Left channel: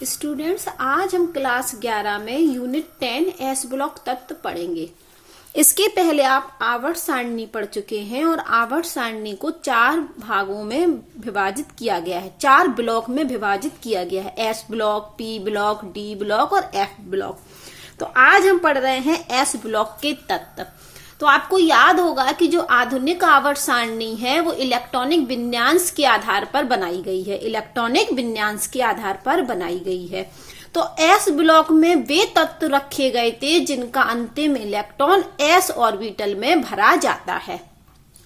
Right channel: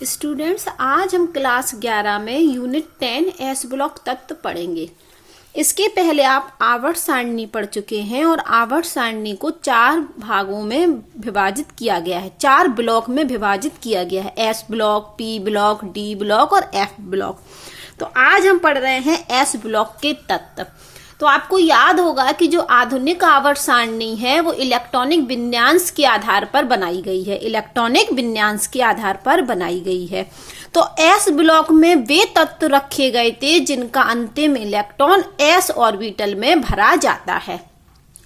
Students, आज हम class 11 में यूनिट 10 एस ब्लॉक तत्व पढ़ेंगे। इसके पहले आप आवर्त सारणी पढ़ चुके हैं और आवर्त सारणी को 4 भागों में विभाजित किया गया है, 4 ब्लॉक में विभाजित किया गया है, S block, P block, D block और एफ ब्लॉक। तो आज हम पढ़ रहे हैं एस ब्लॉक के तत्व। तो आपको याद होगा कि जो आधुनिक आवर्त सारणी है वो इलेक्ट्रॉनिक विन्यास के आधार पर बनाई गई है, इलेक्ट्रॉनिक विन्यास के आधार पर बनाई गई है। तो एस ब्लॉक में वे तत्व रखे गए थे जिनका अंतिम इलेक्ट्रॉन एस ऑर्बिटल में भरा जाता है,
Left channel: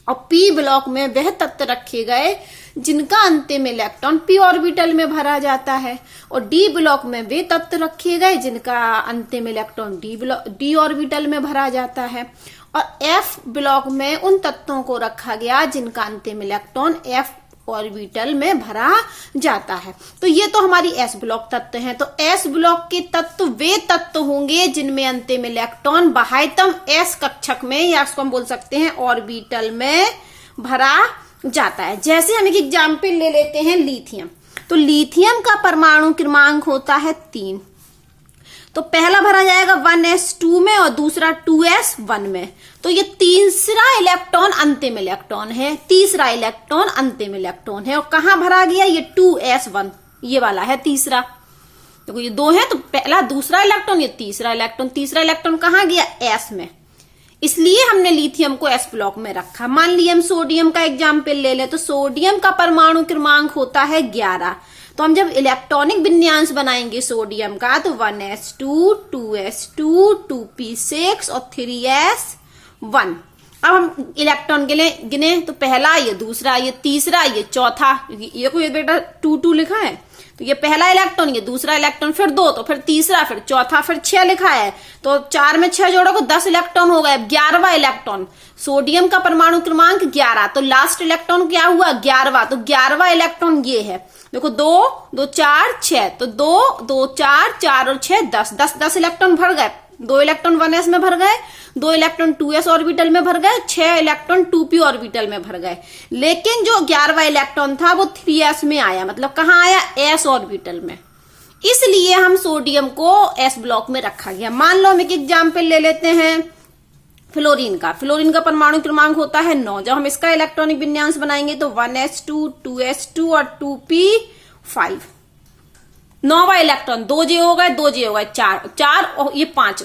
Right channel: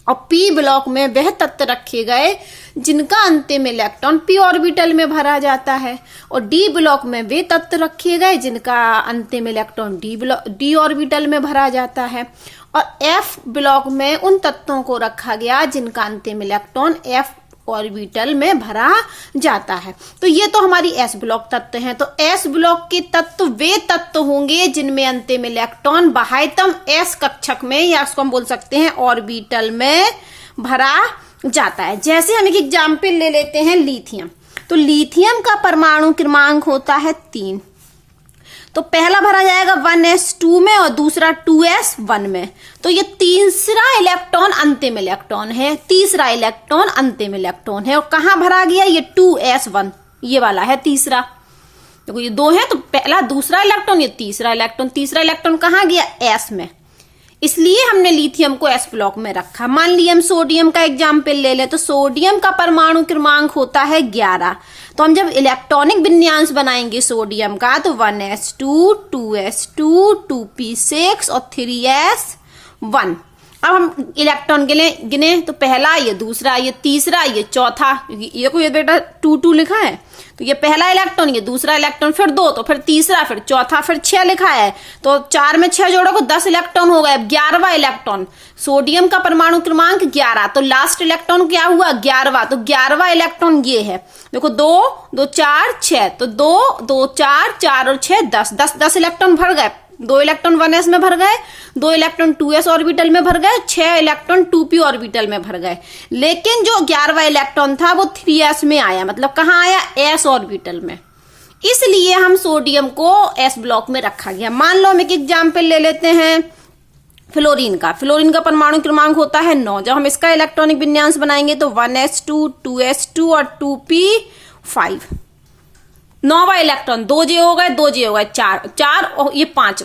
और पी ब्लॉक में वह तत्व रखे गए जिनका अंतिम इलेक्ट्रॉन पी ऑर्बिटल में भरा जाता है, और डी ब्लॉक में वे तत्व रखे गए जिनका अंतिम इलेक्ट्रॉन डी ऑर्बिटल में भरा जाता है, और एफ ब्लॉक में उन तत्वों को रखा गया जिनका अंतिम इलेक्ट्रॉन एफ ऑर्बिटल में भरा जाता है। तो ये तो हमारी एस ब्लॉक तत्व हैं। तो एस ब्लॉक के तत्व वे तत्व होंगे जिनमें अंतिम इलेक्ट्रॉन बाह्यतम एस कक्षक में, या उसको हम बोल सकते हैं ऑर्बिटल में भरा जाता है। जैसे हम एक एग्जाम्पल ले लेते हैं लिथियम। तो लिथियम का परमाणु क्रमांक होता है 3। तो पहला भरा जाएगा 1s2 में और दूसरा 2s1 में। तो ये तीसरा इलेक्ट्रॉन अंतिम इलेक्ट्रॉन है, तीसरा इलेक्ट्रॉन अंतिम इलेक्ट्रॉन है। और कहां भरा गया? ये 2s1, ये वाला है तीसरा। देखो ये 2 है, तो पहला दूसरा इलेक्ट्रॉन, ये तीसरा इलेक्ट्रॉन। तीसरा इलेक्ट्रॉन कहां गया? s में, इसलिए हमने लिथियम को एस ब्लॉक में रखा। मान लिया हम सोडियम का एग्जाम्पल ले ले, तो सोडियम का परमाणु क्रमांक होता है 11। तो हम जब इलेक्ट्रॉनिक विन्यास बनाएंगे सोडियम का, तो 1s2, 2s2, 2p6 और 3s1। अब हम इलेक्ट्रॉन गिने तो पहला, ये दूसरा, ये तीसरा, ये चौथा। ये कोई बेटा 2 लिखा है, तो ये पहला इलेक्ट्रॉन, ये दूसरा इलेक्ट्रॉन, फिर 2, तो फिर तीसरा, फिर चौथा, फिर 6 लिखा है। तो 4 में 6 जोड़ो को 10 इलेक्ट्रॉन हो गए। 11वां इलेक्ट्रॉन, सोडियम का परमाणु क्रमांक 11, तो लास्ट इलेक्ट्रॉन क्या हुआ? 11वां। तो 11वां इलेक्ट्रॉन ये है। देखो 2, 2, 4, 6, तो 2, 2, 4, 4 और 6, 10 इलेक्ट्रॉन भर गए। 2 इलेक्ट्रॉन 1s में भर गए, 2 इलेक्ट्रॉन 2s ऑर्बिटल में भर गए, 6 इलेक्ट्रॉन 2p ऑर्बिटल में भर गए। लेकिन जो 11वां इलेक्ट्रॉन था वो 3s में आया, मतलब कहां आया? s ऑर्बिटल में। इसलिए हम सोडियम को s ब्लॉक में रखा गया। मान लो हम एक एग्जाम्पल ले लेते हैं फ्लोरीन का। फ्लोरीन का परमाणु क्रमांक होता है 9। जब हम इसका इलेक्ट्रॉनिक विन्यास बनाएंगे तो 1s2, 2s2 और 2p5। 9वां इलेक्ट्रॉन, 2j हो गए, 2j हो गए, 4 और ये 5,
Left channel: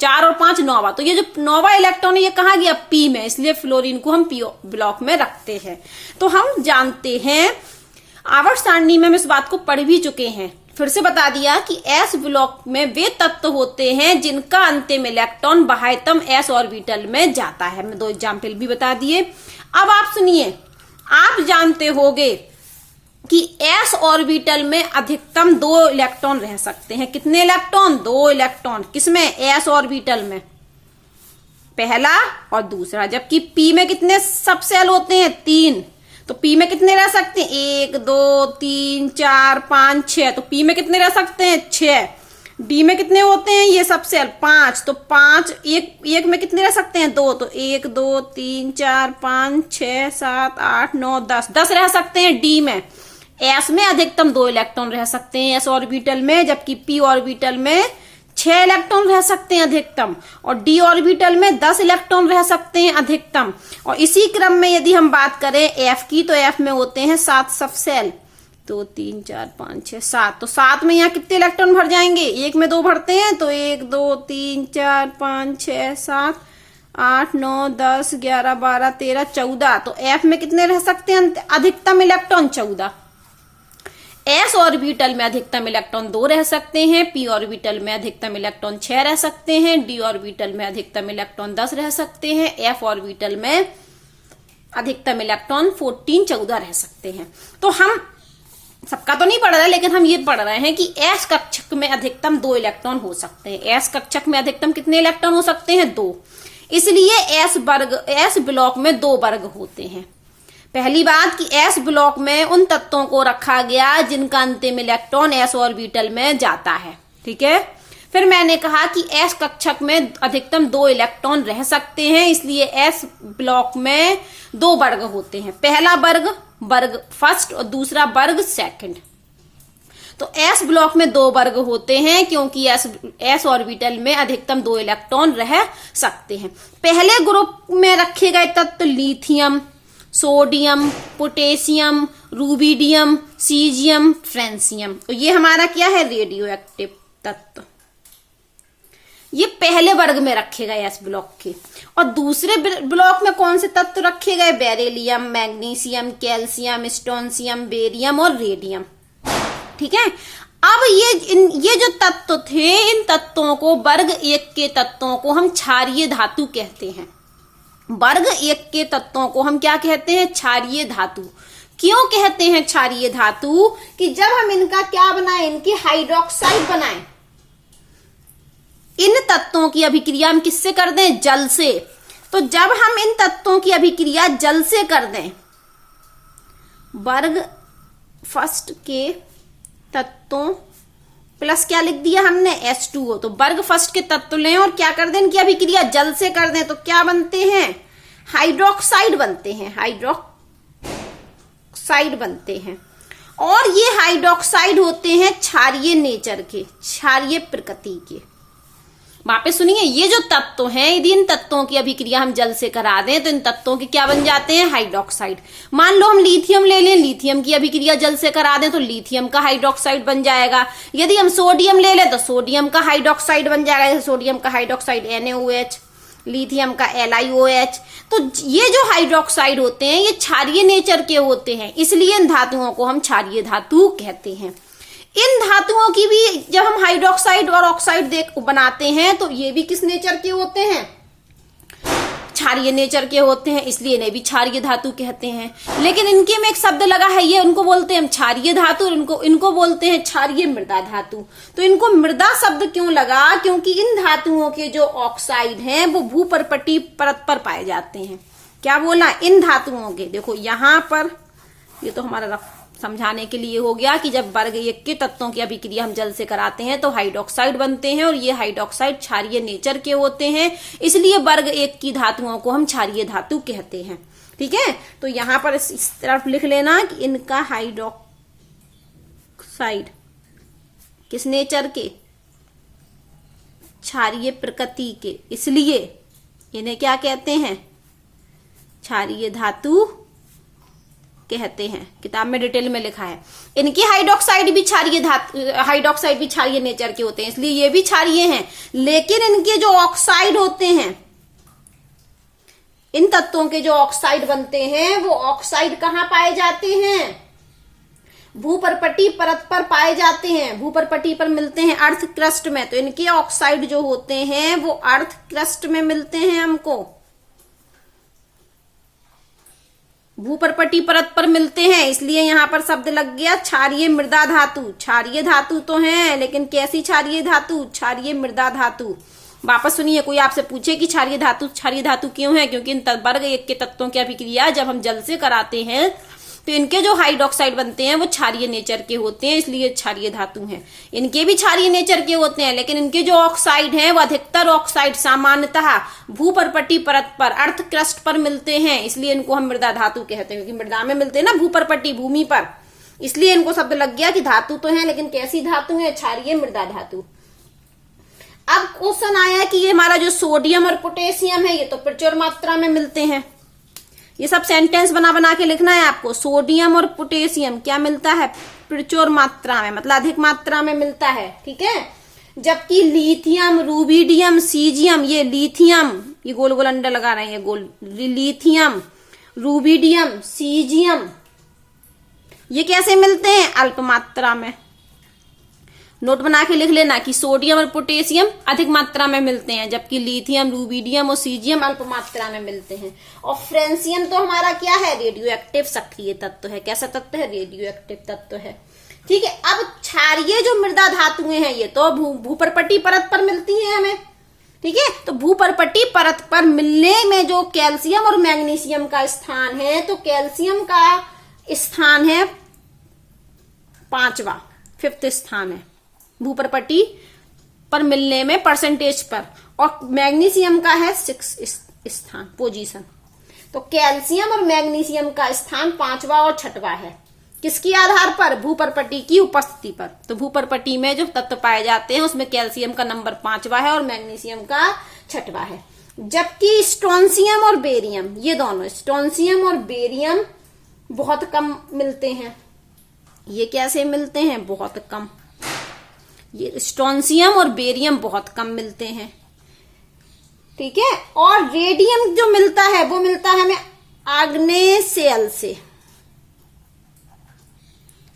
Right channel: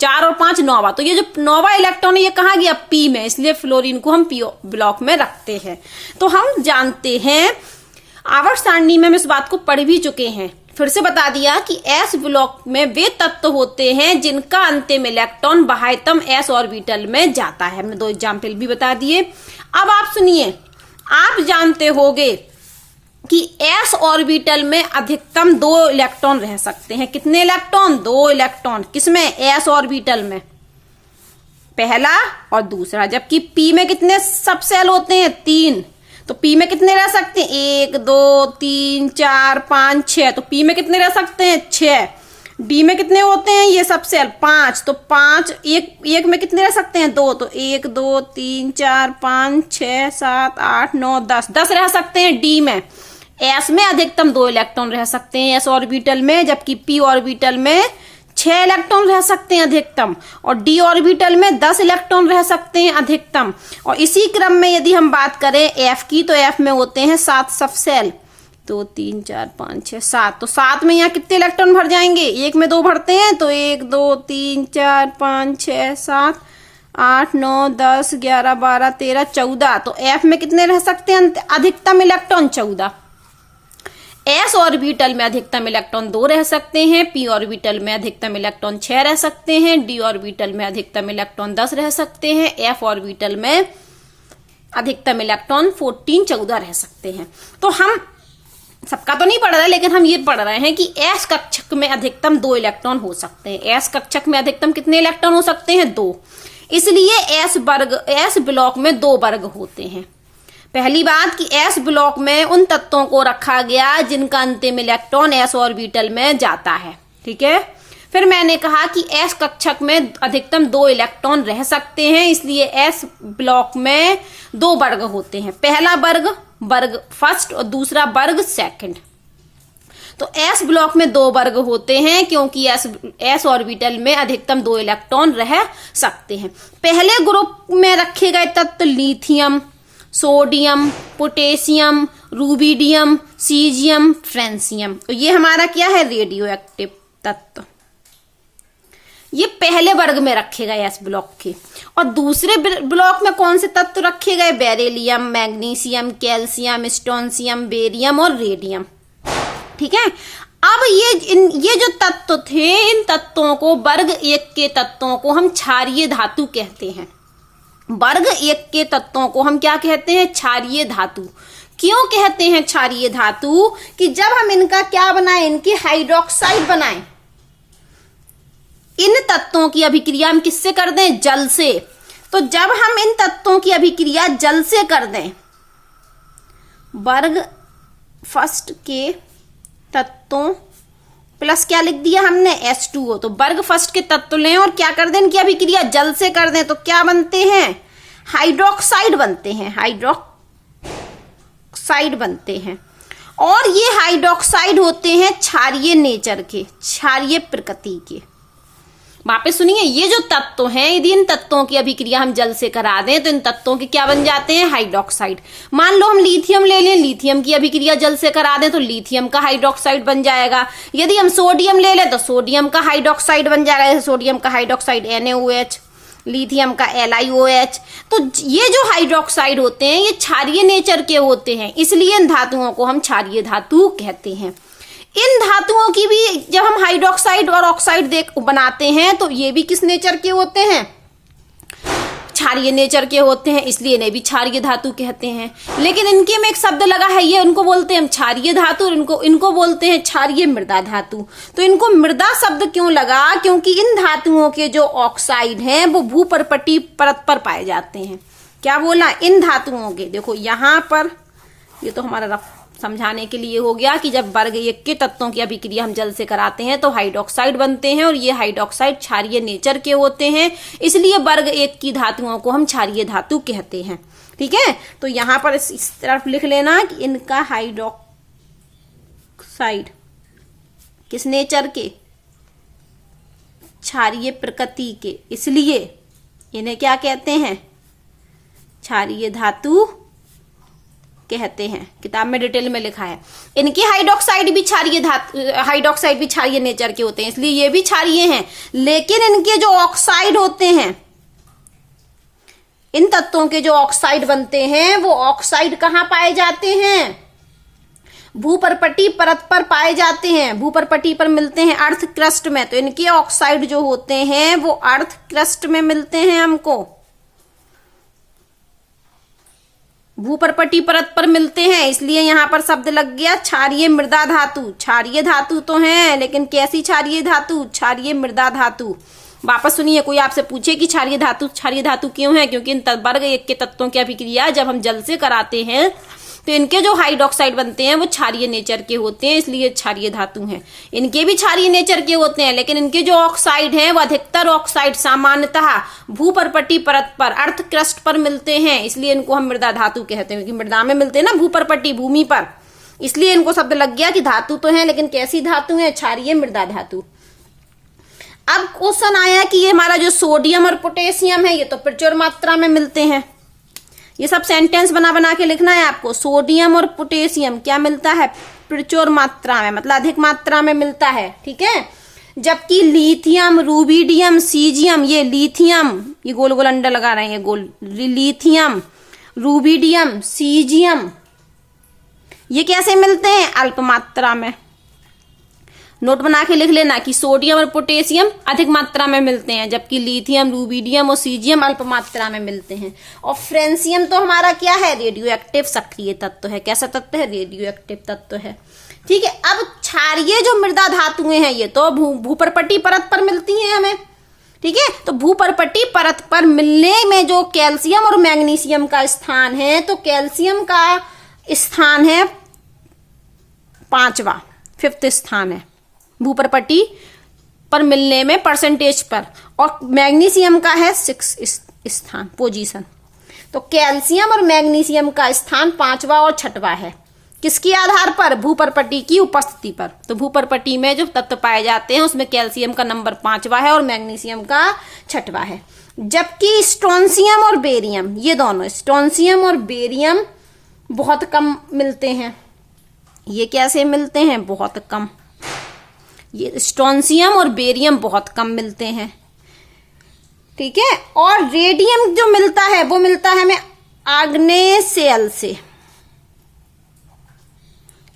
4 और 5 9वां। तो ये जो 9वां इलेक्ट्रॉन है ये कहां गया? पी में, इसलिए फ्लोरीन को हम पी ब्लॉक में रखते हैं। तो हम जानते हैं, आवर्त सारणी में हम इस बात को पढ़ भी चुके हैं, फिर से बता दिया कि एस ब्लॉक में वे तत्व होते हैं जिनका अंतिम इलेक्ट्रॉन बाह्यतम एस ऑर्बिटल में जाता है। हमने 2 एग्जाम्पल भी बता दिए। अब आप सुनिए, आप जानते होंगे कि एस ऑर्बिटल में अधिकतम 2 इलेक्ट्रॉन रह सकते हैं। कितने इलेक्ट्रॉन? 2 इलेक्ट्रॉन। किसमें? एस ऑर्बिटल में, पहला और दूसरा। जबकि पी में कितने सब सेल होते हैं? 3। तो पी में कितने रह सकते हैं? 1, 2, 3, 4, 5, 6। तो पी में कितने रह सकते हैं? 6। डी में कितने होते हैं ये सब सेल? 5। तो 5, एक में कितने रह सकते हैं? 2। तो 1, 2, 3, 4, 5, 6, 7, 8, 9, 10 रह सकते हैं डी में। एस में अधिकतम 2 इलेक्ट्रॉन रह सकते हैं एस ऑर्बिटल में, जबकि पी ऑर्बिटल में 6 इलेक्ट्रॉन रह सकते हैं अधिकतम, और डी ऑर्बिटल में 10 इलेक्ट्रॉन रह सकते हैं अधिकतम। और इसी क्रम में यदि हम बात करें एफ की, तो एफ में होते हैं 7 सब सेल। 2, 3, 4, 5, 6, 7। तो 7 में यहाँ कितने इलेक्ट्रॉन भर जाएंगे? 1 में 2 भरते हैं, तो 1, 2, 3, 4, 5, 6, 7, 8, 9, 10, 11, 12, 13, 14। तो एफ में कितने रह सकते हैं अधिकतम इलेक्ट्रॉन? 14। एस ऑर्बिटल में अधिकतम इलेक्ट्रॉन 2 रह सकते हैं, पी ऑर्बिटल में अधिकतम इलेक्ट्रॉन 6 रह सकते हैं, डी ऑर्बिटल में अधिकतम इलेक्ट्रॉन 10 रह सकते हैं, एफ ऑर्बिटल में अधिकतम इलेक्ट्रॉन 14 रह सकते हैं। तो हम सबका तो नहीं पढ़ रहे, लेकिन हम ये पढ़ रहे हैं कि एस कक्षक में अधिकतम 2 इलेक्ट्रॉन हो सकते हैं। एस कक्षक में अधिकतम कितने इलेक्ट्रॉन हो सकते हैं? 2। इसलिए एस ब्लॉक में 2 वर्ग होते हैं। पहली बात कि एस ब्लॉक में उन तत्वों को रखा गया जिनका अंतिम इलेक्ट्रॉन एस ऑर्बिटल में जाता है, ठीक है। फिर मैंने कहा कि एस कक्षक में अधिकतम 2 इलेक्ट्रॉन रह सकते हैं, इसलिए एस ब्लॉक में 2 वर्ग होते हैं। पहला वर्ग फर्स्ट और दूसरा वर्ग सेकंड। तो s ब्लॉक में 2 वर्ग होते हैं क्योंकि s ऑर्बिटल में अधिकतम 2 इलेक्ट्रॉन रह सकते हैं। पहले ग्रुप में रखे गए तत्व lithium, sodium, potassium, rubidium, caesium, francium. तो ये हमारा क्या है, रेडियो एक्टिव तत्व। ये पहले वर्ग में रखे गए एस ब्लॉक के। और दूसरे ब्लॉक में कौन से तत्व रखे गए, beryllium, magnesium, calcium, strontium, barium और रेडियम। ठीक है। अब ये जो तत्व थे, इन तत्वों को वर्ग 1 के तत्वों को हम क्षारीय धातु कहते हैं। वर्ग 1 के तत्वों को हम क्या कहते हैं, क्षारीय धातु। क्यों कहते हैं क्षारीय धातु, कि जब हम इनका क्या बनाएं, इनकी हाइड्रोक्साइड बनाएं, इन तत्वों की अभिक्रिया हम किससे कर दें, जल से। तो जब हम इन तत्वों की अभिक्रिया जल से कर दें, वर्ग फर्स्ट के तत्वों प्लस क्या लिख दिया हमने, H2O। तो वर्ग फर्स्ट के तत्व लें और क्या कर दें, इनकी अभिक्रिया जल से कर दें, तो क्या बनते हैं, हाइड्रोक्साइड बनते हैं, हाइड्रोक्साइड बनते हैं। और ये हाइड्रोक्साइड होते हैं क्षारीय नेचर के, क्षारीय प्रकृति के। वापस सुनिए, ये जो तत्व हैं, यदि इन तत्वों की अभिक्रिया हम जल से करा दें तो इन तत्वों के क्या बन जाते हैं, हाइड्रोक्साइड। मान लो हम लिथियम ले लें, लिथियम की अभिक्रिया जल से करा दें तो लिथियम का हाइड्रोक्साइड बन जाएगा। यदि हम सोडियम ले लें तो सोडियम का हाइड्रोक्साइड बन जाएगा, जैसे सोडियम का हाइड्रोक्साइड NaOH, लिथियम का LiOH। तो ये जो हाइड्रोक्साइड होते हैं ये क्षारीय नेचर के होते हैं, इसलिए इन धातुओं को हम क्षारीय धातु कहते हैं। इन धातुओं की भी जब हम हाइड्रोक्साइड और ऑक्साइड बनाते हैं तो ये भी किस नेचर के होते हैं, क्षारीय नेचर के होते हैं, इसलिए इन्हें भी क्षारीय धातु कहते हैं। लेकिन इनके में एक शब्द लगा है, ये उनको बोलते हैं हम क्षारीय धातु, और इनको बोलते हैं क्षारीय मृदा धातु। तो इनको मृदा शब्द क्यों लगा, क्योंकि इन धातुओं के जो ऑक्साइड हैं वो भूपर्पटीय परत पर पाए जाते हैं। क्या बोला, इन धातुओं के, देखो यहां पर, ये तो हमारा रफ समझाने के लिए हो गया कि जब वर्ग 1 के तत्वों की अभिक्रिया हम जल से कराते हैं तो हाइड्रोक्साइड बनते हैं, और ये हाइड्रोक्साइड क्षारीय नेचर के होते हैं, इसलिए वर्ग 1 की धातुओं को हम क्षारीय धातु कहते हैं। ठीक है। तो यहां पर इस तरफ लिख लेना कि इनका हाइड्रोक्साइड किस नेचर के, क्षारीय प्रकृति के, इसलिए इन्हें क्या कहते हैं, क्षारीय धातु कहते हैं। किताब में डिटेल में लिखा है। इनके हाइड्रोक्साइड भी क्षारीय नेचर के होते हैं, इसलिए ये भी क्षारीय हैं। लेकिन इनके जो ऑक्साइड होते हैं, इन तत्वों के जो ऑक्साइड बनते हैं वो ऑक्साइड कहां पाए जाते हैं, भूपर्पटीय परत पर पाए जाते हैं, भूपर्पटीय पर मिलते हैं अर्थ क्रस्ट में। तो इनके ऑक्साइड जो होते हैं वो अर्थ क्रस्ट में मिलते हैं, हमको भूपर्पटीय परत पर मिलते हैं, इसलिए यहां पर शब्द लग गया क्षारीय मृदा धातु। क्षारीय धातु तो है, लेकिन कैसी क्षारीय धातु, क्षारीय मृदा धातु। वापस सुनिए, कोई आपसे पूछे कि क्षारीय धातु क्यों है, क्योंकि इन वर्ग 1 के तत्वों की अभिक्रिया जब हम जल से कराते हैं तो इनके जो हाइड्रोक्साइड बनते हैं वो क्षारीय नेचर के होते हैं, इसलिए क्षारीय धातु हैं। इनके भी क्षारीय नेचर के होते हैं, लेकिन इनके जो ऑक्साइड हैं वो अधिकतर ऑक्साइड सामान्यतः भूपर्पटीय परत पर, अर्थ क्रस्ट पर मिलते हैं, इसलिए इनको हम मृदा धातु कहते हैं, क्योंकि मृदा में मिलते हैं ना, भूपर्पटीय भूमि पर, इसलिए इनको शब्द लग गया कि धातु तो है, लेकिन कैसी धातु है, क्षारीय मृदा धातु। अब क्वेश्चन आया कि ये हमारा जो सोडियम और पोटेशियम है ये तो प्रचुर मात्रा में मिलते हैं। ये सब सेंटेंस बना के लिखना है आपको। सोडियम और पोटेशियम क्या मिलता है, प्रचुर मात्रा में, मतलब अधिक मात्रा में मिलता है। ठीक है। जबकि लिथियम, रूबिडियम, सीजियम, ये लिथियम, ये गोल गोल अंडा लगा रहे हैं, गोल, लिथियम, रूबिडियम, सीजियम, ये कैसे मिलते हैं, अल्प मात्रा में। नोट बना के लिख लेना कि सोडियम और पोटेशियम अधिक मात्रा में मिलते हैं, जबकि लिथियम, रूबिडियम और सीजियम अल्प मात्रा में मिलते हैं। और फ्रेंसियम तो हमारा क्या है, रेडियो एक्टिव सक्रिय तत्व है। कैसा तत्व है, रेडियो एक्टिव तत्व है। ठीक है। अब क्षारीय जो मृदा धातुएं हैं ये तो भूपर्पटीय परत पर मिलती हैं हमें। ठीक है। तो भूपर्पटीय परत पर मिलने में जो कैल्शियम और मैग्नीशियम का स्थान है, तो कैल्शियम का स्थान है 5वां, 5th स्थान है भूपर्पटीय पर मिलने में परसेंटेज पर, और मैग्नीशियम का है 6th स्थान, पोजीशन। तो कैल्शियम और मैग्नीशियम का स्थान 5वां और 6वां है। किसके आधार पर? भूपर्पटी की उपस्थिति पर। तो भूपर्पटी में जो तत्व पाए जाते हैं उसमें कैल्शियम का नंबर 5वां है और मैग्नीशियम का 6वां है। जबकि स्ट्रोंशियम और बेरियम, ये दोनों स्ट्रोंशियम और बेरियम बहुत कम मिलते हैं। ये कैसे मिलते हैं? बहुत कम। ये स्ट्रोंशियम और बेरियम बहुत कम मिलते हैं, ठीक है। और रेडियम जो मिलता है वो मिलता है हमें आग्नेय सेल से।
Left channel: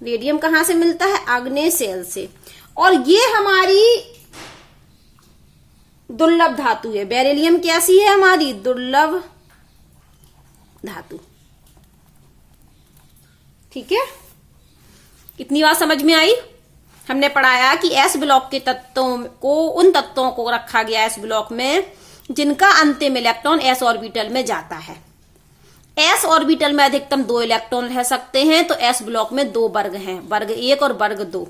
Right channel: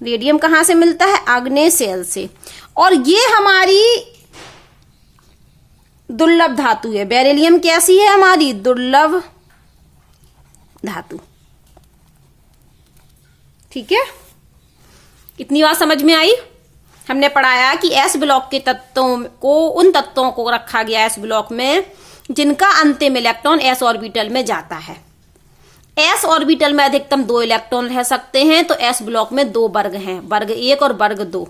रेडियम कहां से मिलता है? आग्नेय सेल से। और ये हमारी दुर्लभ धातु है। बेरिलियम कैसी है? हमारी दुर्लभ धातु, ठीक है। इतनी बात समझ में आई? हमने पढ़ाया कि एस ब्लॉक के तत्वों को, उन तत्वों को रखा गया एस ब्लॉक में जिनका अंतिम इलेक्ट्रॉन एस ऑर्बिटल में जाता है। एस ऑर्बिटल में अधिकतम 2 इलेक्ट्रॉन रह सकते हैं। तो एस ब्लॉक में 2 वर्ग हैं, वर्ग 1 और वर्ग 2।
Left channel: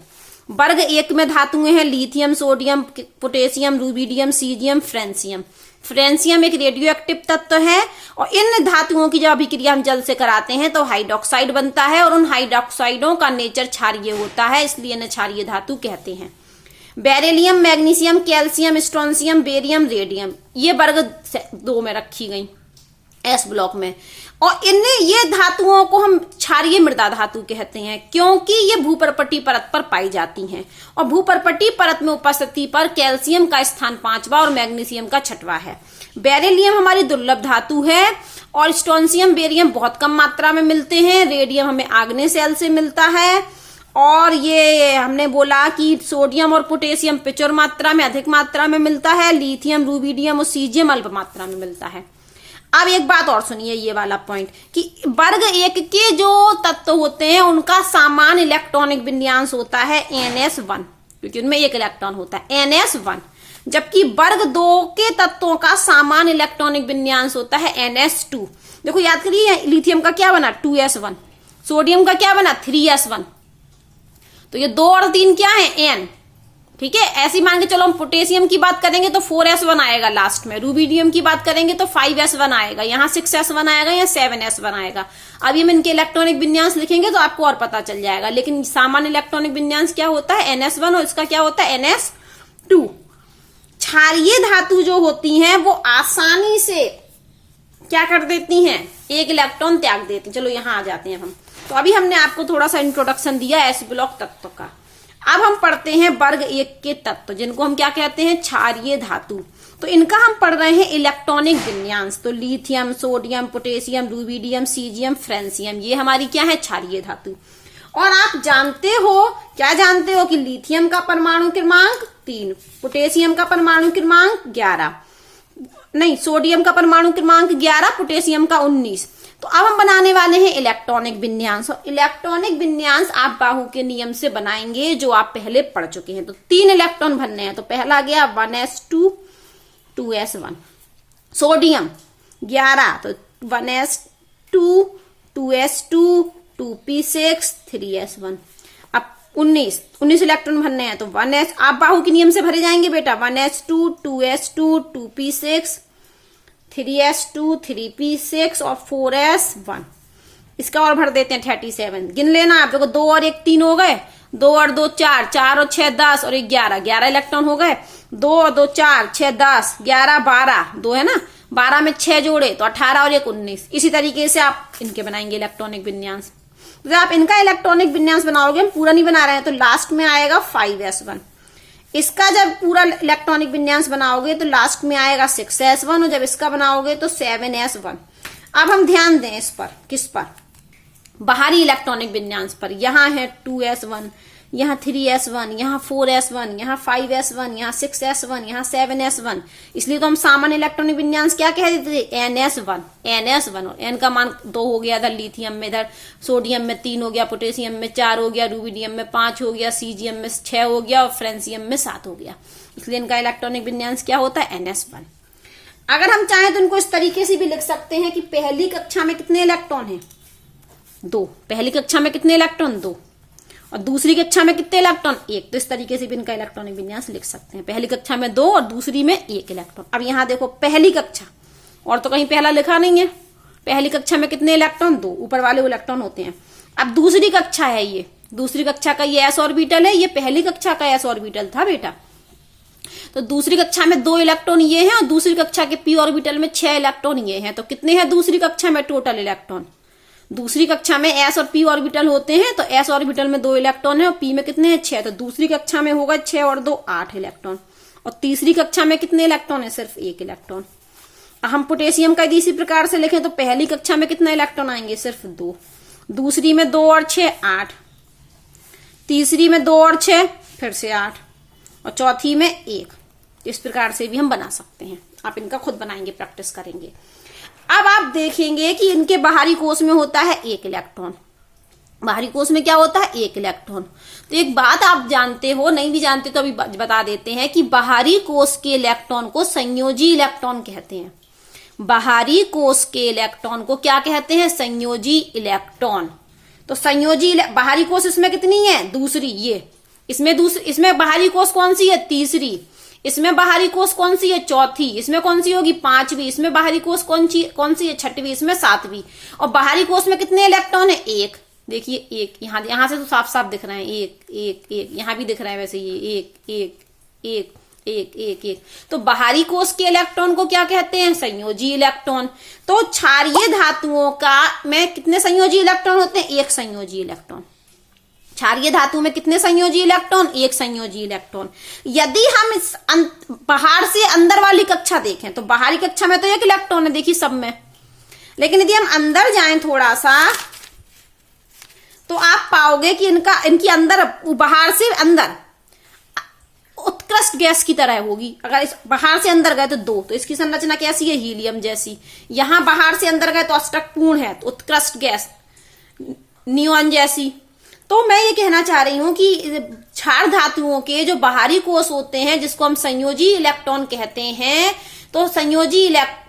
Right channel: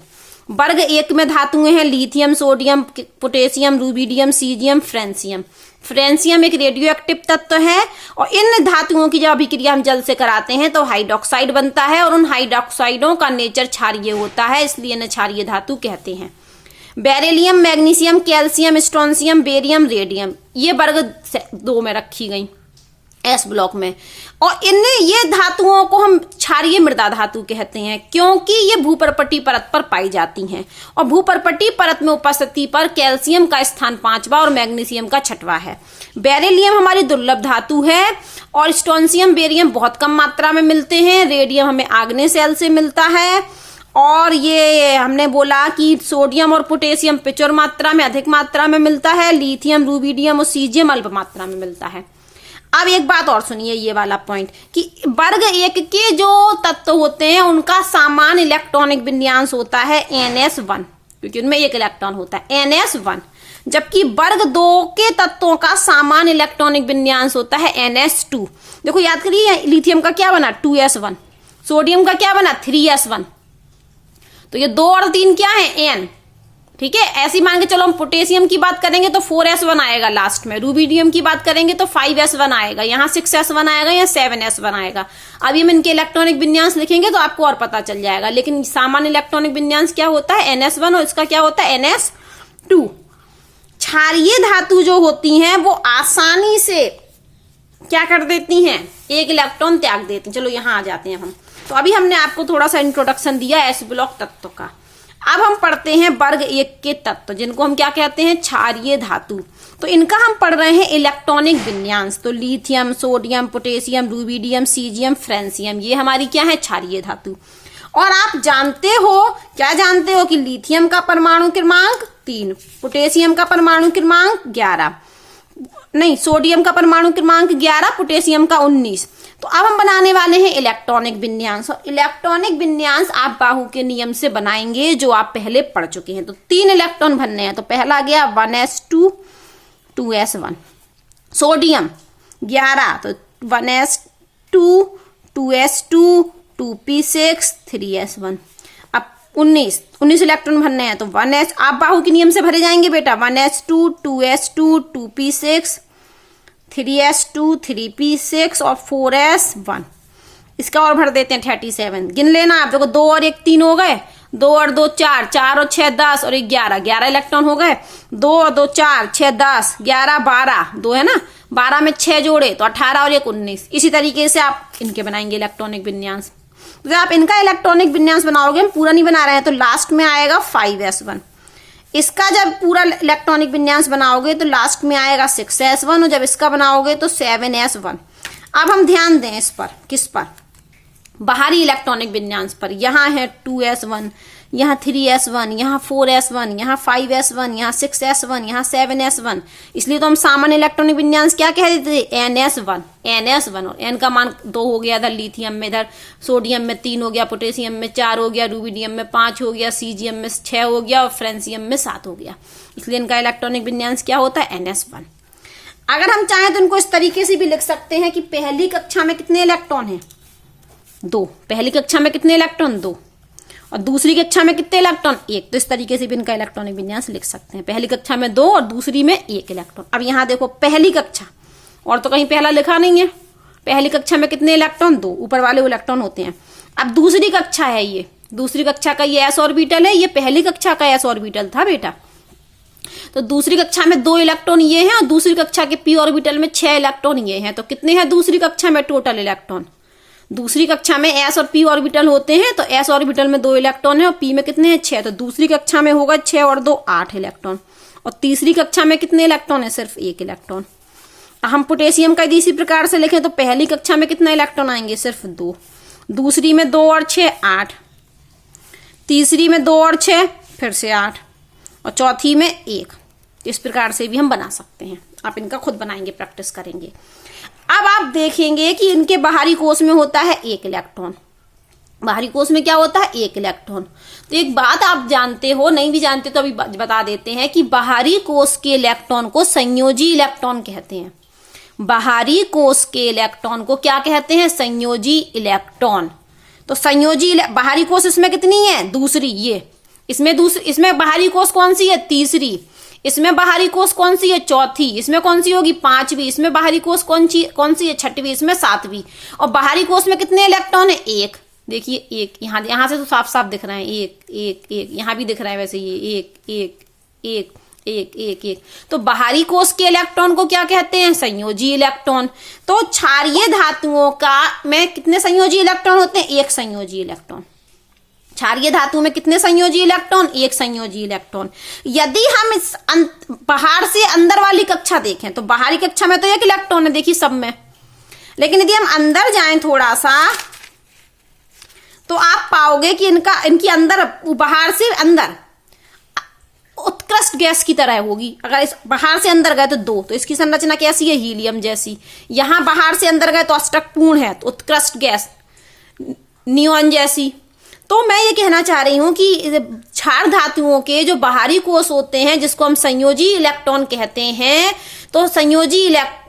वर्ग 1 में धातुएं हैं lithium, sodium, potassium, rubidium, caesium, francium. Francium एक रेडियो एक्टिव तत्व है और इन धातुओं की जब अभिक्रिया हम जल से कराते हैं तो हाइड्रोक्साइड बनता है और उन हाइड्रोक्साइडों का नेचर क्षारीय होता है, इसलिए इन्हें क्षारीय धातु कहते हैं। Beryllium, magnesium, calcium, strontium, barium, radium, ये वर्ग 2 में रखी गई एस ब्लॉक में। और इन्हें, ये धातुओं को हम क्षारीय मृदा धातु कहते हैं क्योंकि ये भूपर्पटी परत पर पाई जाती हैं। और भूपर्पटी परत में उपस्थिति पर कैल्शियम का स्थान 5वां और मैग्नीशियम का 6वां है। बेरिलियम हमारी दुर्लभ धातु है और स्ट्रोंशियम, बेरियम बहुत कम मात्रा में मिलते हैं। रेडियम हमें आग्नेय सेल से मिलता है। और ये हमने बोला कि सोडियम और पोटेशियम प्रचुर मात्रा में, अधिक मात्रा में मिलता है। लिथियम, रूबिडियम और सीजियम अल्प मात्रा में मिलता है। अब एक बात और सुनिए, ये वाला पॉइंट कि वर्ग 1 के जो तत्व होते हैं उनका सामान्य इलेक्ट्रॉनिक विन्यास होता है NS1, क्योंकि उनमें 1 इलेक्ट्रॉन होता है NS1। जबकि वर्ग 2 के तत्वों का सामान्य इलेक्ट्रॉनिक विन्यास होता है NS2। देखो याद करिए, लिथियम का क्या बना? 2s1। सोडियम का क्या बना? 3s1। तो ये 2 और 3 क्या है? N, ठीक है। ऐसी मान के चलो हम पोटेशियम की बात करेंगे तो 4s1 आएगा लास्ट में। रूबिडियम की बात करेंगे तो 5s1 आएगा, यहाँ 6s1 आएगा या 7s1 आएगा। अभी हम इनके इलेक्ट्रॉनिक विन्यास लिखेंगे तो आपको और पता चल जाएगा। लेकिन सामान्य इलेक्ट्रॉनिक विन्यास क्या होता है? NS1 और इसका क्या होता है? NS2। क्षारीय धातु जो होती हैं वो आसानी से क्या कर देती हैं? 1 इलेक्ट्रॉन त्याग देती हैं। चलो यहां आ जाते हैं हम। तो अभी हमने आपको थोड़ा सा इंट्रोडक्शन दिया एस ब्लॉक तत्व का। अब हम पढ़ते हैं वर्ग 1 के तत्व, जिनको हम क्या कहते हैं? क्षारीय धातु। तो इनका हम पढ़ रहे हैं इलेक्ट्रॉनिक विन्यास। तो lithium, sodium, potassium, rubidium, caesium, francium, ये हमारी क्या है? क्षारीय धातु। और आप जानते हो, क्या जानते हो कि लिथियम का परमाणु क्रमांक 3, पोटेशियम का परमाणु क्रमांक 11, नहीं सोडियम का परमाणु क्रमांक 11, पोटेशियम का 19। तो अब हम बनाने वाले हैं इलेक्ट्रॉनिक विन्यास। और इलेक्ट्रॉनिक विन्यास आप बाहु के नियम से बनाएंगे जो आप पहले पढ़ चुके हैं। तो 3 इलेक्ट्रॉन भरने हैं। तो पहला गया 1s2 2s1। सोडियम 11, तो 1s2 2s2 2p6 3s1। अब 19 इलेक्ट्रॉन भरने हैं। तो 1s, आप बाहु के नियम से भरे जाएंगे बेटा। 1s2 2s2 2p6 3s2 3p6 और 4s1। इसका और भर देते हैं 37। गिन लेना आप। देखो 2 और 1 3 हो गए, 2 और 2 4, 4 और 6 10 और 11 इलेक्ट्रॉन हो गए। 2 और 2 4 6 10 11 12, 2 है ना, 12 में 6 जोड़े तो 18 और 1 19। इसी तरीके से आप इनके बनाएंगे इलेक्ट्रॉनिक विन्यास। तो आप इनका इलेक्ट्रॉनिक विन्यास बनाओगे, हम पूरा नहीं बना रहे हैं, तो लास्ट में आएगा 5s1। इसका जब पूरा इलेक्ट्रॉनिक विन्यास बनाओगे तो लास्ट में आएगा 6s1 और जब इसका बनाओगे तो 7s1। अब हम ध्यान दें इस पर, किस पर? बाहरी इलेक्ट्रॉनिक विन्यास पर। यहाँ है 2s1, यहाँ 3s1, यहाँ 4s1, यहाँ 5s1, यहाँ 6s1, यहाँ 7s1। इसलिए तो हम सामान्य इलेक्ट्रॉनिक विन्यास क्या कह देते थे? NS1। और n का मान 2 हो गया इधर लिथियम में, इधर सोडियम में 3 हो गया, पोटेशियम में 4 हो गया, रूबिडियम में 5 हो गया, सीजियम में 6 हो गया और फ्रेंसियम में 7 हो गया। इसलिए इनका इलेक्ट्रॉनिक विन्यास क्या होता है? NS1। अगर हम चाहें तो इनको इस तरीके से भी लिख सकते हैं कि पहली कक्षा में कितने इलेक्ट्रॉन है? 2। पहली कक्षा में कितने इलेक्ट्रॉन? 2। और दूसरी कक्षा में कितने इलेक्ट्रॉन? 1। तो इस तरीके से भी इनका इलेक्ट्रॉनिक विन्यास लिख सकते हैं। पहली कक्षा में 2 और दूसरी में 1 इलेक्ट्रॉन। अब यहाँ देखो पहली कक्षा, और तो कहीं पहला लिखा नहीं है। पहली कक्षा में कितने इलेक्ट्रॉन? 2। ऊपर वाले इलेक्ट्रॉन होते हैं। अब दूसरी कक्षा है, ये दूसरी कक्षा का ये s ऑर्बिटल है, ये पहली कक्षा का s ऑर्बिटल था बेटा। तो दूसरी कक्षा में 2 इलेक्ट्रॉन ये हैं और दूसरी कक्षा के p ऑर्बिटल में 6 इलेक्ट्रॉन ये हैं। तो कितने हैं दूसरी कक्षा में टोटल इलेक्ट्रॉन? दूसरी कक्षा में s और p ऑर्बिटल होते हैं, तो s ऑर्बिटल में 2 इलेक्ट्रॉन है और p में कितने हैं 6। तो दूसरी कक्षा में होगा 6 और 2 8 इलेक्ट्रॉन। और तीसरी कक्षा में कितने इलेक्ट्रॉन है? सिर्फ 1 इलेक्ट्रॉन। हम पोटेशियम का यदि इसी प्रकार से लिखें तो पहली कक्षा में कितना इलेक्ट्रॉन आएंगे? सिर्फ 2। दूसरी में 2 और 6 8, तीसरी में 2 और 6 फिर से 8, और चौथी में 1। इस प्रकार से भी हम बना सकते हैं। आप इनका खुद बनाएंगे, प्रैक्टिस करेंगे। अब आप देखेंगे कि इनके बाहरी कोश में होता है 1 इलेक्ट्रॉन। बाहरी कोश में क्या होता है? 1 इलेक्ट्रॉन। तो एक बात आप जानते हो, नहीं भी जानते तो अभी बता देते हैं कि बाहरी कोश के इलेक्ट्रॉन को संयोजी इलेक्ट्रॉन कहते हैं। बाहरी कोश के इलेक्ट्रॉन को क्या कहते हैं? संयोजी इलेक्ट्रॉन। तो संयोजी बाहरी कोश इसमें कितनी है? दूसरी। ये इसमें बाहरी कोश कौन सी है? तीसरी। इसमें बाहरी कोश कौन सी है? चौथी। इसमें कौन सी होगी? 5वीं। इसमें बाहरी कोश कौन सी है? 6वीं। इसमें 7वीं। और बाहरी कोश में कितने इलेक्ट्रॉन है? 1। देखिए 1 यहां से तो साफ साफ दिख रहा है, 1 1 1। यहां भी दिख रहा है वैसे, ये 1 1 1 1 1 1। तो बाहरी कोश के इलेक्ट्रॉन को क्या कहते हैं? संयोजी इलेक्ट्रॉन। तो क्षारीय धातुओं का में कितने संयोजी इलेक्ट्रॉन होते हैं? 1 संयोजी इलेक्ट्रॉन। क्षारीय धातु में कितने संयोजी इलेक्ट्रॉन? 1 संयोजी इलेक्ट्रॉन। यदि हम इस बाहर से अंदर वाली कक्षा देखें तो बाहरी कक्षा में तो 1 इलेक्ट्रॉन है, देखिए सब में। लेकिन यदि हम अंदर जाएं थोड़ा सा तो आप पाओगे कि इनकी अंदर, बाहर से अंदर उत्कृष्ट गैस की तरह होगी। अगर इस बाहर से अंदर गए तो 2, तो इसकी संरचना कैसी है? हीलियम जैसी। यहां बाहर से अंदर गए तो अष्टकपूर्ण है, तो उत्कृष्ट गैस नियॉन जैसी। तो मैं ये कहना चाह रही हूं कि क्षार धातुओं के जो बाहरी कोश होते हैं, जिसको हम संयोजी इलेक्ट्रॉन कहते हैं, तो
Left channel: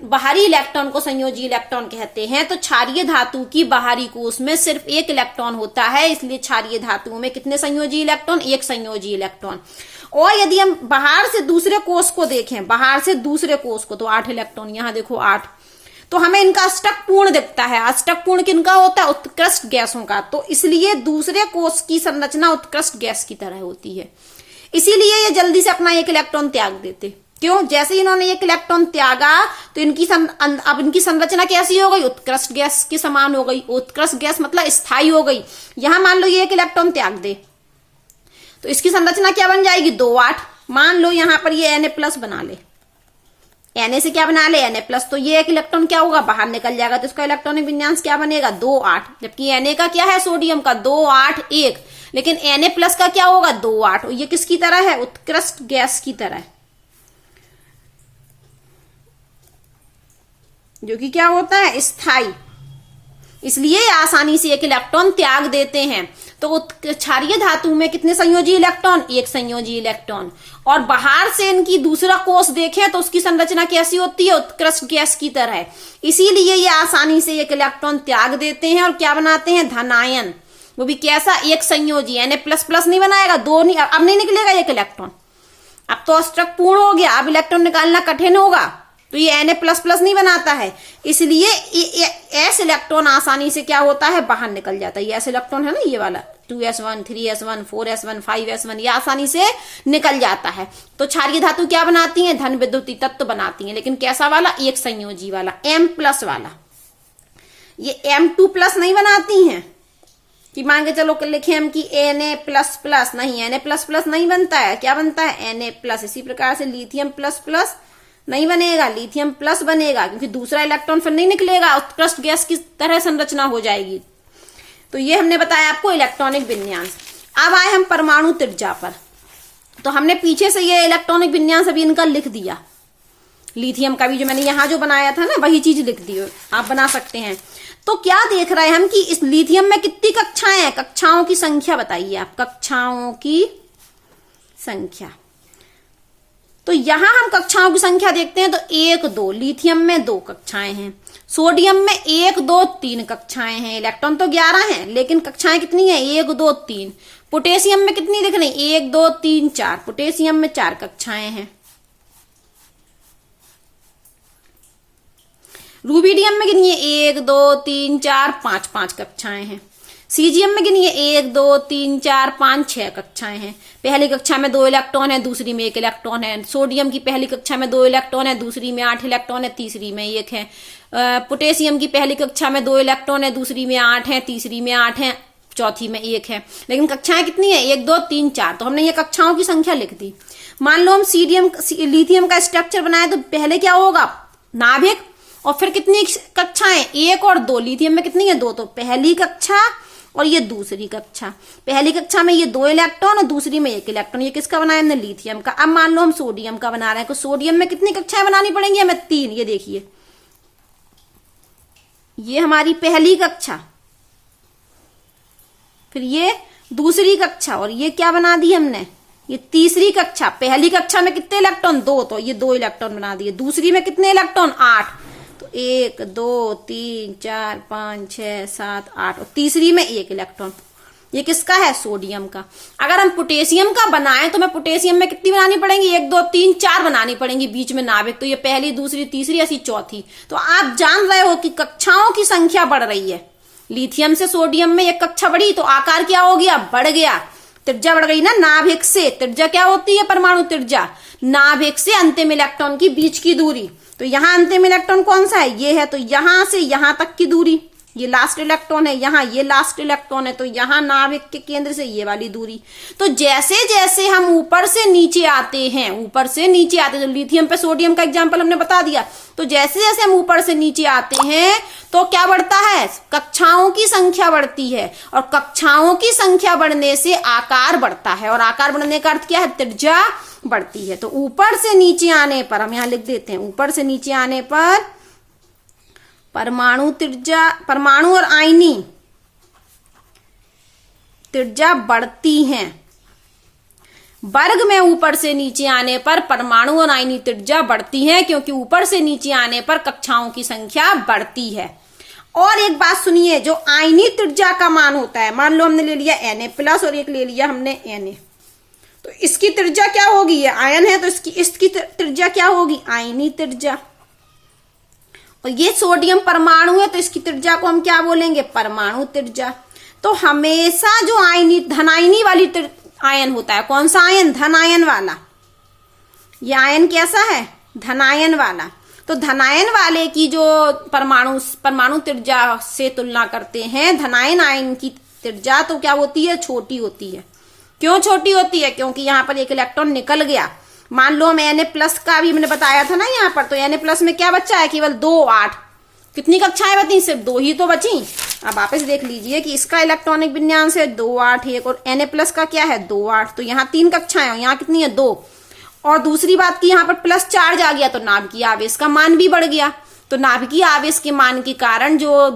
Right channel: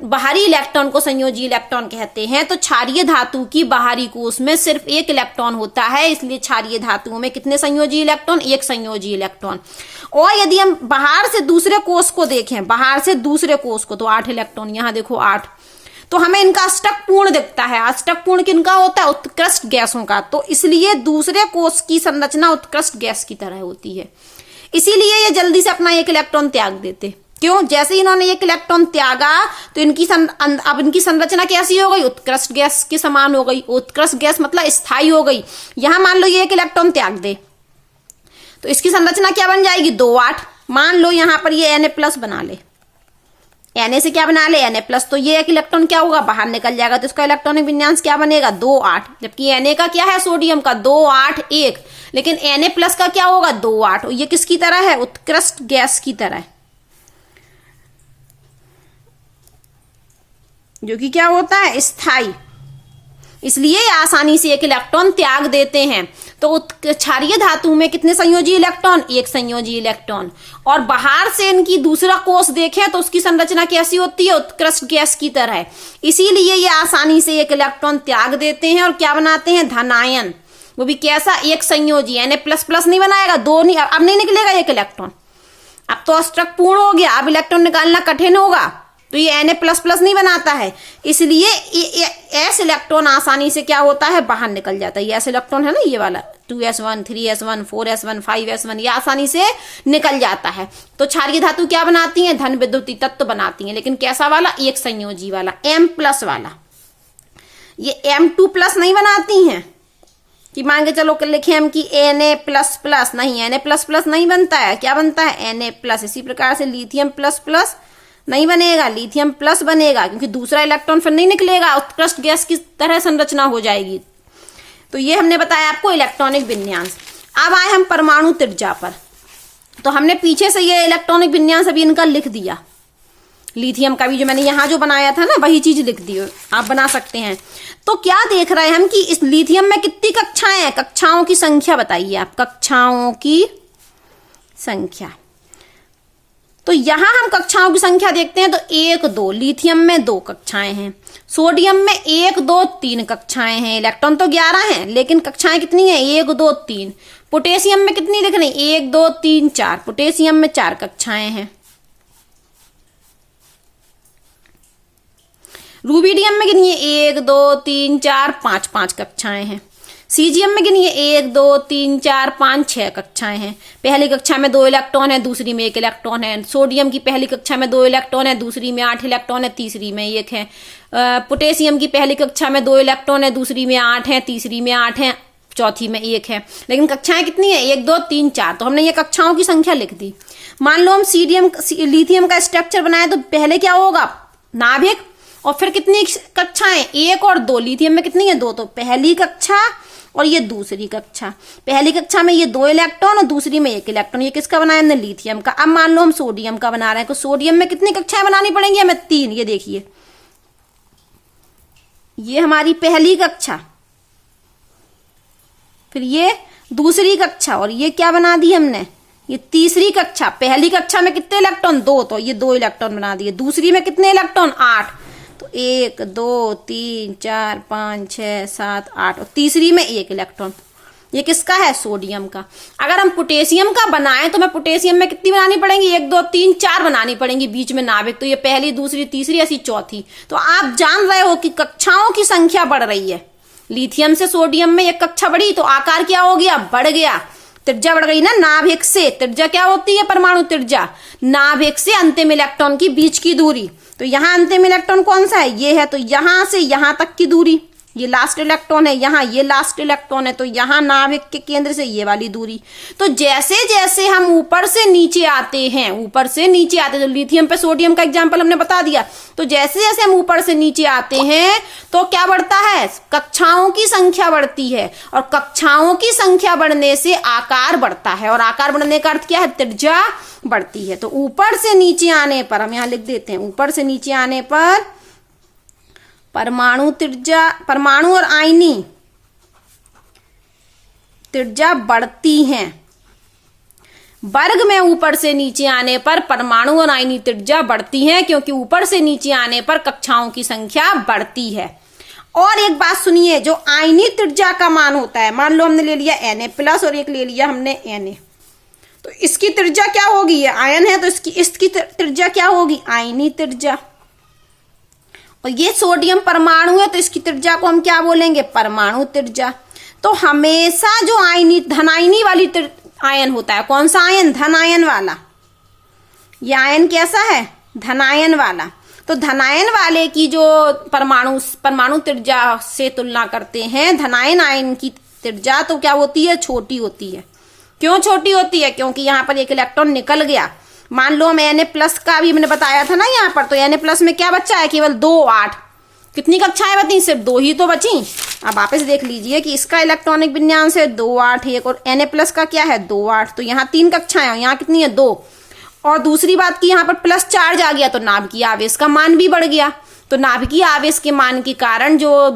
बाहरी इलेक्ट्रॉन को संयोजी इलेक्ट्रॉन कहते हैं। तो क्षारीय धातु की बाहरी कोश में सिर्फ 1 इलेक्ट्रॉन होता है, इसलिए क्षारीय धातुओं में कितने संयोजी इलेक्ट्रॉन? 1 संयोजी इलेक्ट्रॉन। और यदि हम बाहर से दूसरे कोश को देखें, बाहर से दूसरे कोश को, तो 8 इलेक्ट्रॉन। यहां देखो 8। तो हमें इनका अष्टक पूर्ण दिखता है। अष्टक पूर्ण किनका होता है? उत्कृष्ट गैसों का। तो इसलिए दूसरे कोश की संरचना उत्कृष्ट गैस की तरह होती है। इसीलिए ये जल्दी से अपना 1 इलेक्ट्रॉन त्याग देते। क्यों? जैसे इन्होंने 1 इलेक्ट्रॉन त्यागा तो अब इनकी संरचना कैसी हो गई? उत्कृष्ट गैस के समान हो गई। उत्कृष्ट गैस मतलब स्थायी हो गई। यहां मान लो ये 1 इलेक्ट्रॉन त्याग दे तो इसकी संरचना क्या बन जाएगी? 2 8। मान लो यहां पर ये Na+ बना ले। Na से क्या बना ले? Na+। तो ये 1 इलेक्ट्रॉन क्या होगा? बाहर निकल जाएगा। तो इसका इलेक्ट्रॉनिक विन्यास क्या बनेगा? 2 8। जबकि Na का क्या है? सोडियम का 2 8 1। लेकिन Na+ का क्या होगा? 2 8। ये किसकी तरह है? उत्कृष्ट गैस की तरह, जो कि क्या होता है? स्थायी। इसलिए आसानी से 1 इलेक्ट्रॉन त्याग देते हैं। तो क्षारीय धातु में कितने संयोजी इलेक्ट्रॉन? 1 संयोजी इलेक्ट्रॉन। और बाहर से इनकी दूसरा कोश देखें तो उसकी संरचना कैसी होती है? उत्कृष्ट गैस की तरह। इसीलिए ये आसानी से 1 इलेक्ट्रॉन त्याग देते हैं और क्या बनाते हैं? धनायन। वो भी कैसा? 1 संयोजी। Na++ नहीं बनाएगा, 2 नहीं। अब नहीं निकलेगा 1 इलेक्ट्रॉन। अब तो अष्टक पूर्ण हो गया, अब इलेक्ट्रॉन निकालना कठिन होगा, तो ये Na++ नहीं बनाता है। इसलिए S इलेक्ट्रॉन आसानी से क्या होता है? बाहर निकल जाता है। ये S इलेक्ट्रॉन है ना, ये वाला 2s1 3s1 4s1 5s1, ये आसानी से निकल जाता है। तो क्षारीय धातु क्या बनाती है? धन विद्युतीय तत्व बनाती है। लेकिन कैसा वाला? 1 संयोजी वाला, M+ वाला। ये M2+ नहीं बनाती हैं कि मान के चलो लिखे हम कि Na++ नहीं, Na++ नहीं बनता है। क्या बनता है? Na+। इसी प्रकार से लिथियम++ नहीं बनेगा, लिथियम+ बनेगा, क्योंकि दूसरा इलेक्ट्रॉन फिर नहीं निकलेगा, उत्कृष्ट गैस की तरह संरचना हो जाएगी। तो ये हमने बताया आपको इलेक्ट्रॉनिक विन्यास। अब आए हम परमाणु त्रिज्या पर। तो हमने पीछे से ये इलेक्ट्रॉनिक विन्यास अभी इनका लिख दिया। लिथियम का भी जो मैंने यहां जो बनाया था ना, वही चीज लिख दी, आप बना सकते हैं। तो क्या देख रहे हैं हम कि इस लिथियम में कितनी कक्षाएं हैं? कक्षाओं की संख्या बताइए आप, कक्षाओं की संख्या। तो यहां हम कक्षाओं की संख्या देखते हैं तो 1 2, लिथियम में 2 कक्षाएं हैं, सोडियम में 1 2 3 कक्षाएं हैं। इलेक्ट्रॉन तो 11 हैं, लेकिन कक्षाएं कितनी है? 1 2 3। पोटेशियम में कितनी दिख रही? 1 2 3 4। पोटेशियम में 4 कक्षाएं हैं। रूबिडियम में कितनी है? 1 2 3 4 5 5 कक्षाएं हैं। सीजियम में गिनिए 1 2 3 4 5 6 कक्षाएं हैं। पहली कक्षा में 2 इलेक्ट्रॉन है, दूसरी में 1 इलेक्ट्रॉन है। सोडियम की पहली कक्षा में 2 इलेक्ट्रॉन है, दूसरी में 8 इलेक्ट्रॉन है, तीसरी में 1 है। पोटेशियम की पहली कक्षा में 2 इलेक्ट्रॉन है, दूसरी में 8 है, तीसरी में 8 है, चौथी में 1 है। लेकिन कक्षाएं कितनी है? 1 2 3 4। तो हमने ये कक्षाओं की संख्या लिख दी। मान लो हम लिथियम का स्ट्रक्चर बनाए तो पहले क्या होगा? नाभिक, और फिर कितनी कक्षाएं? 1 और 2। लिथियम में कितनी है? 2। तो पहली कक्षा और ये दूसरी कक्षा। पहली कक्षा में ये 2 इलेक्ट्रॉन और दूसरी में 1 इलेक्ट्रॉन। ये किसका बनाया हमने? लिथियम का। अब मान लो हम सोडियम का बना रहे हैं, तो सोडियम में कितनी कक्षाएं बनानी पड़ेंगी हमें? 3। ये देखिए, ये हमारी पहली कक्षा, फिर ये दूसरी कक्षा, और ये क्या बना दी हमने? ये तीसरी कक्षा। पहली कक्षा में कितने इलेक्ट्रॉन? 2, तो ये 2 इलेक्ट्रॉन बना दिए। दूसरी में कितने इलेक्ट्रॉन? 8। तो 1 2 3 4 5 6 7 8, और तीसरी में 1 इलेक्ट्रॉन। ये किसका है? सोडियम का। अगर हम पोटेशियम का बनाएं तो हमें पोटेशियम में कितनी बनानी पड़ेंगी? 1 2 3 4 बनानी पड़ेंगी बीच में नाभिक। तो ये पहली, दूसरी, तीसरी, ऐसी चौथी। तो आप जान रहे हो कि कक्षाओं की संख्या बढ़ रही है। लिथियम से सोडियम में 1 कक्षा बढ़ी तो आकार क्या हो गया? बढ़ गया। त्रिज्या बढ़ गई ना। नाभिक से त्रिज्या क्या होती है? परमाणु त्रिज्या। नाभिक से अंतिम इलेक्ट्रॉन की बीच की दूरी। तो यहाँ अंतिम इलेक्ट्रॉन कौन सा है? ये है। तो यहां से यहां तक की दूरी, ये लास्ट इलेक्ट्रॉन है, यहाँ ये लास्ट इलेक्ट्रॉन है। तो यहाँ नाभिक के केंद्र से ये वाली दूरी। तो जैसे जैसे हम ऊपर से नीचे आते हैं, ऊपर से नीचे आते हैं, तो लिथियम पे सोडियम का एग्जांपल हमने बता दिया। तो जैसे जैसे हम ऊपर से नीचे आते हैं तो क्या बढ़ता है? कक्षाओं की संख्या बढ़ती है, और कक्षाओं की संख्या बढ़ने से आकार बढ़ता है, और आकार बढ़ने का अर्थ क्या है? त्रिज्या बढ़ती है। तो ऊपर से नीचे आने पर, हम यहां लिख देते हैं, ऊपर से नीचे आने पर परमाणु त्रिज्या, परमाणु और आयनी त्रिज्या बढ़ती हैं। वर्ग में ऊपर से नीचे आने पर परमाणु और आयनी त्रिज्या बढ़ती हैं, क्योंकि ऊपर से नीचे आने पर कक्षाओं की संख्या बढ़ती है। और एक बात सुनिए, जो आयनी त्रिज्या का मान होता है, मान लो हमने ले लिया Na+ और एक ले लिया हमने Na, तो इसकी त्रिज्या क्या होगी? ये आयन है तो इसकी त्रिज्या क्या होगी? आयनी त्रिज्या। और ये सोडियम परमाणु है तो इसकी त्रिज्या को हम क्या बोलेंगे? परमाणु त्रिज्या। तो हमेशा जो धनायनी वाली आयन होता है, कौन सा आयन? धनायन वाला। ये आयन कैसा है? धनायन वाला। तो धनायन वाले की जो परमाणु त्रिज्या से तुलना करते हैं, धनायन आयन की त्रिज्या तो क्या होती है? छोटी होती है। क्यों छोटी होती है? क्योंकि यहाँ पर 1 इलेक्ट्रॉन निकल गया। मान लो हम Na+ का भी मैंने बताया था ना यहाँ पर, तो Na+ में क्या बचा है? केवल 2 8। कितनी कक्षाएं बची? सिर्फ 2 ही तो बची। अब वापस देख लीजिए कि इसका इलेक्ट्रॉनिक विन्यास है 2 8 1, और Na+ का क्या है? 2 8। तो यहाँ 3 कक्षाएं हैं, यहाँ कितनी है? 2। और दूसरी बात की यहाँ पर प्लस चार्ज आ गया तो नाभिकीय आवेश का मान भी बढ़ गया। तो नाभिकीय आवेश के मान के कारण जो